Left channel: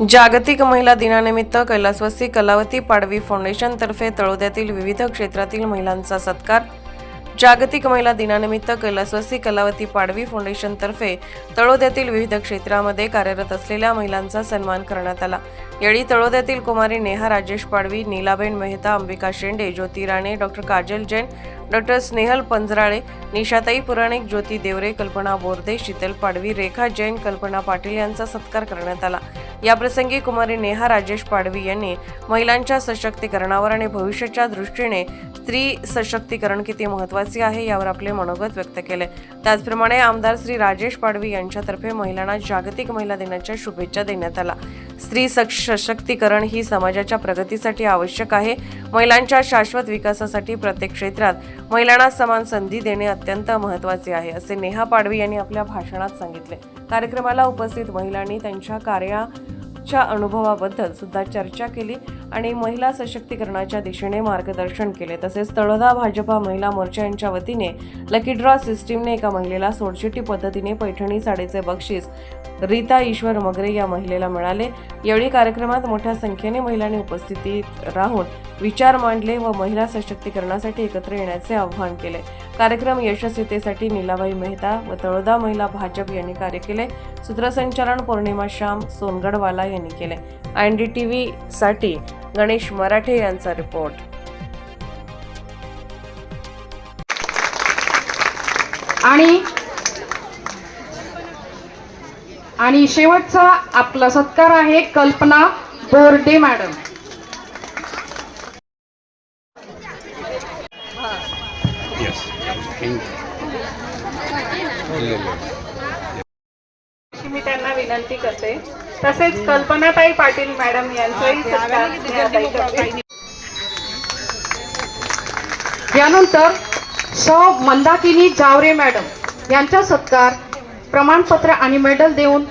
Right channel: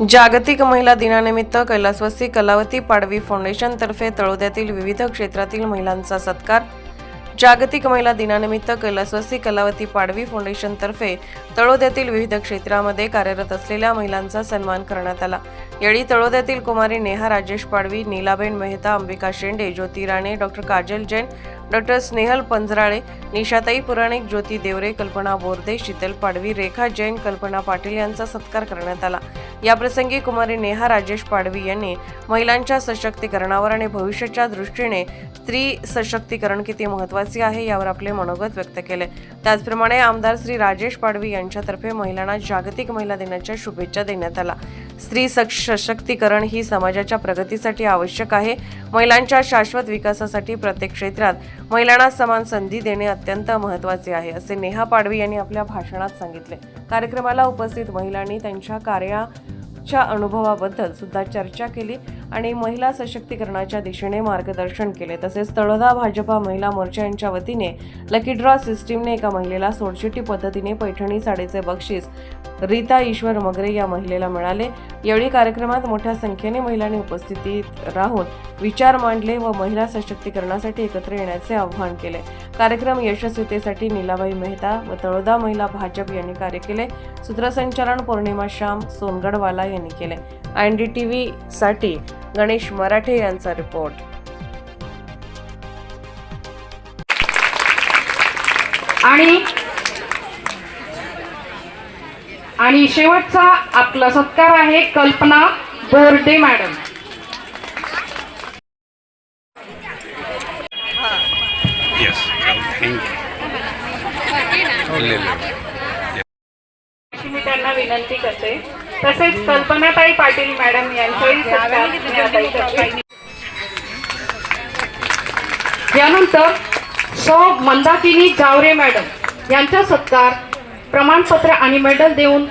जागतिक महिला दिनानिमित्त कैलासवासी कलावती पाडवी फाउंडेशनतर्फे तळोद्यातील विविध क्षेत्रातील महिलांचा सत्कार. जागतिक महिला दिनानिमित्त कैलासवासी कलावती पाडवी फाउंडेशनतर्फे तळोद्यातील विविध क्षेत्रामध्ये कार्यरत असलेल्या महिलांचा सन्मान करण्यात आला. यावेळी तळोद्यातील कुमारी नेहा राजेश पाडवी नीलाबेन मेहता अंबिका शेंडे ज्योती राणे डॉक्टर काजल जैन डॉक्टर स्नेहल पंजराळे निशाताई पुराणिक ज्योती देवरे कल्पना बोर्दे शीतल पाडवी रेखा जैन कल्पना पाटील यांचा सत्कार करण्यात आला. याप्रसंगी कुमारी नेहा राजेश पाडवी यांनी महिलांच्या सशक्तीकरणावर आणि भविष्याच्या दृष्टीने स्त्री सशक्तीकरण किती महत्त्वाचे आहे यावर आपले मनोगत व्यक्त केले. त्याचप्रमाणे आमदार श्री राजेश पाडवी यांच्यातर्फे महिलांना जागतिक महिला दिनाच्या शुभेच्छा देण्यात आला स्त्री सशक्तीकरण ही समाजाच्या प्रगतीसाठी आवश्यक आहे. महिलांच्या शाश्वत विकासासाठी प्रत्येक क्षेत्रात महिलांना समान संधी देणे अत्यंत महत्त्वाचे आहे असे नेहा पाडवी यांनी आपल्या भाषणात सांगितले. कार्यक्रमाला उपस्थित महिलांनी त्यांच्या कार्याच्या अनुभवाबद्दल सुद्धा चर्चा केली आणि महिला सशक्तीकरणाच्या दिशेने मार्गदर्शन केले. तसेच तळोदा भाजपा महिला मोर्चा यांच्या वतीने लकी ड्रॉ सिस्टीमने एका महिलेला सोडचिट्टी पद्धतीने पैठणी साडीचे बक्षीस रीता ईश्वर मगरे या महिलेला मिळाले. यावेळी कार्यक्रमात मोठ्या संख्येने महिलांनी उपस्थितीत राहून विचार मांडले व महिला सशक्तीकरणासाठी एकत्र येण्याचे आवाहन केले. कार्यक्रम यशस्वीतेसाठी नीलाबाई मेहता व तळोदा महिला भाजप यांनी कार्य केले. सूत्रसंचालन पौर्णिमा श्याम सोनगडवाला यांनी केले. एन डी टी व्ही साठी गणेश मराठे यांचा रिपोर्ट. आणि आणि शेवटचा आपला सत्कार आहे कल्पना बोर्डे मॅडम. मी त्यांना विनंती करते. तसेच कल्पनाताई पाटील मॅडम यांचाही सत्कार करते. यानंतर सौ मंदाकिनी जावरे मॅडम यांचा सत्कार प्रमाणपत्र आणि मेडल देऊन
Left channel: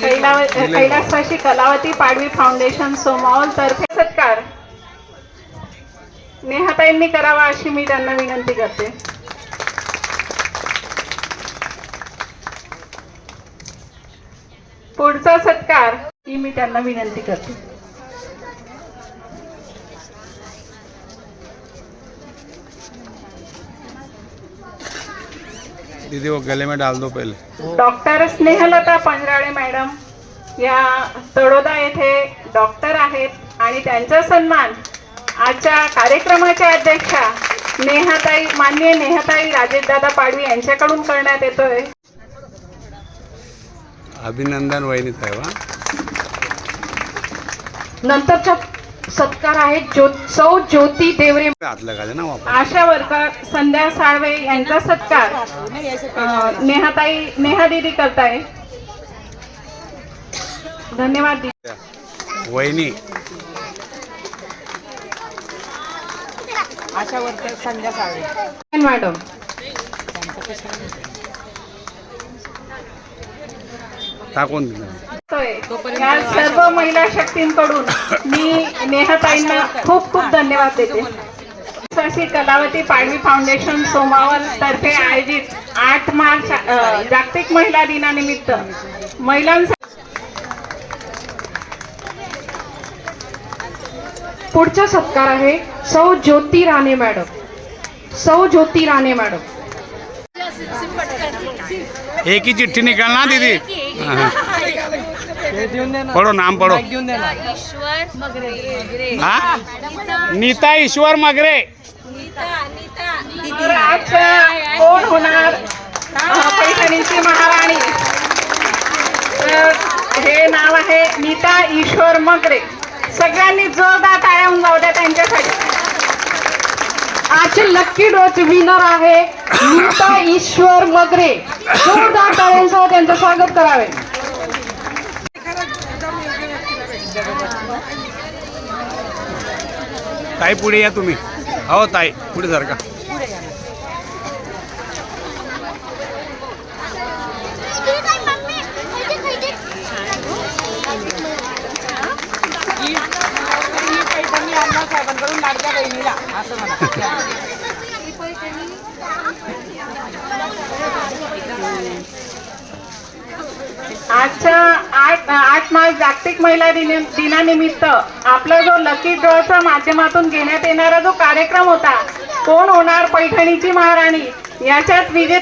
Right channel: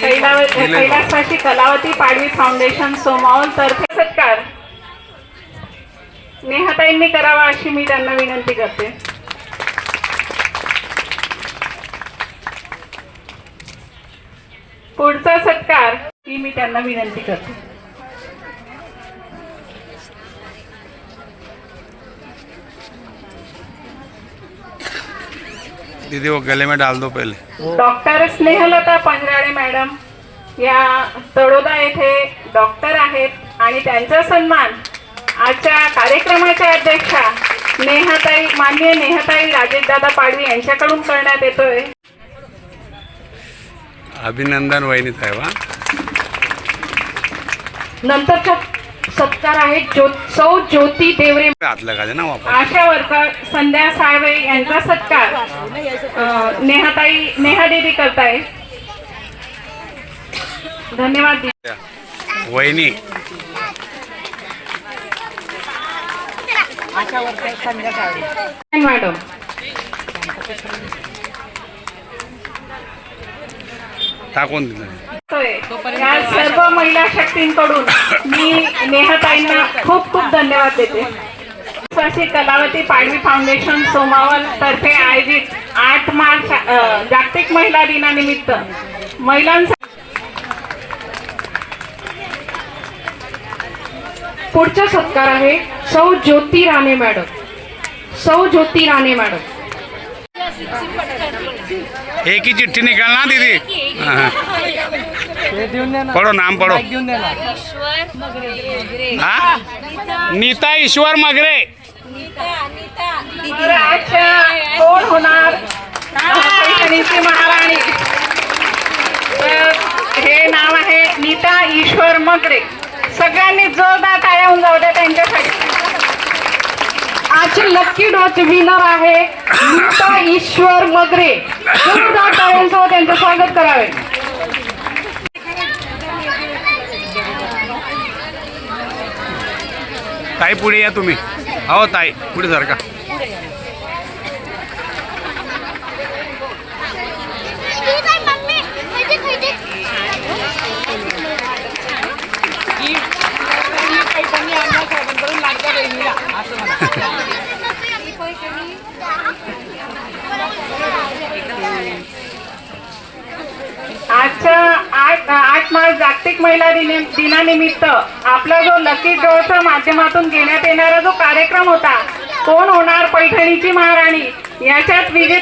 कैलासवासी कलावती पाडवी फाउंडेशन सोमावल तर्फे सत्कार. नेहाताईंनी करावा अशी मी त्यांना विनंती करते. पुढचा सत्कार ही मी त्यांना विनंती करते. दीदी वो गले में डाल दो पहले। डॉक्टर स्नेहलता पंजराळे मॅडम या तळोदा येथे डॉक्टर आहेत आणि त्यांचा सन्मान आजच्या कार्यक्रमाच्या अध्यक्षा नेहाताई मान्य नेहाताई राजेशदादा पाडवी यांच्याकडून करण्यात येतोय. अभिनंदन वहिनी साहेब हा नंतरचा सत्कार आहे ज्यो सौ ज्योती देवरे हात लगा दे ना वापस. आशा वर्कर संध्या साळवे यांचा सत्कार. नेहाताई नेहा दिदी करताय. धन्यवाद. वहिनी. मॅडम. टाकून दिलं. होय. या सर्व महिला शक्तींकडून मी नेहताईंना खूप खूप धन्यवाद देते. कलावती पाडवी फाउंडेशन सोमावल तर्फे आयोजित आठ मार्च जागतिक महिला दिनानिमित्त महिलांसाठी पुढचा सत्कार आहे सौ ज्योती राणे मॅडम. सौ ज्योती राणे मॅडम. एक ही चिट्ठी निकालना दीदी? पडो पढ़ो नाम पढ़ो। ईश्वर हाँ? नीता ईश्वर मगरे। कोण होणार पैठणीची महाराणी हे नाव आहे नीता ईश्वर मगरे. सगळ्यांनी जोरदार टाळ्या उंगावू द्या त्यांच्यासाठी. आजचे लक्की डॉच विनर आहे नीता ईश्वर मगरे. त्यांचं स्वागत करावे. ताई पुढे या तुम्ही. हो ताई पुढे सर का. आजच्या आठ आठ मार्च जागतिक महिला दिने- दिनानिमित्त आपला जो लकी ड्रॉच्या माध्यमातून घेण्यात येणारा जो कार्यक्रम होता कोण होणार पैठणीची महाराणी? याच्यात विजय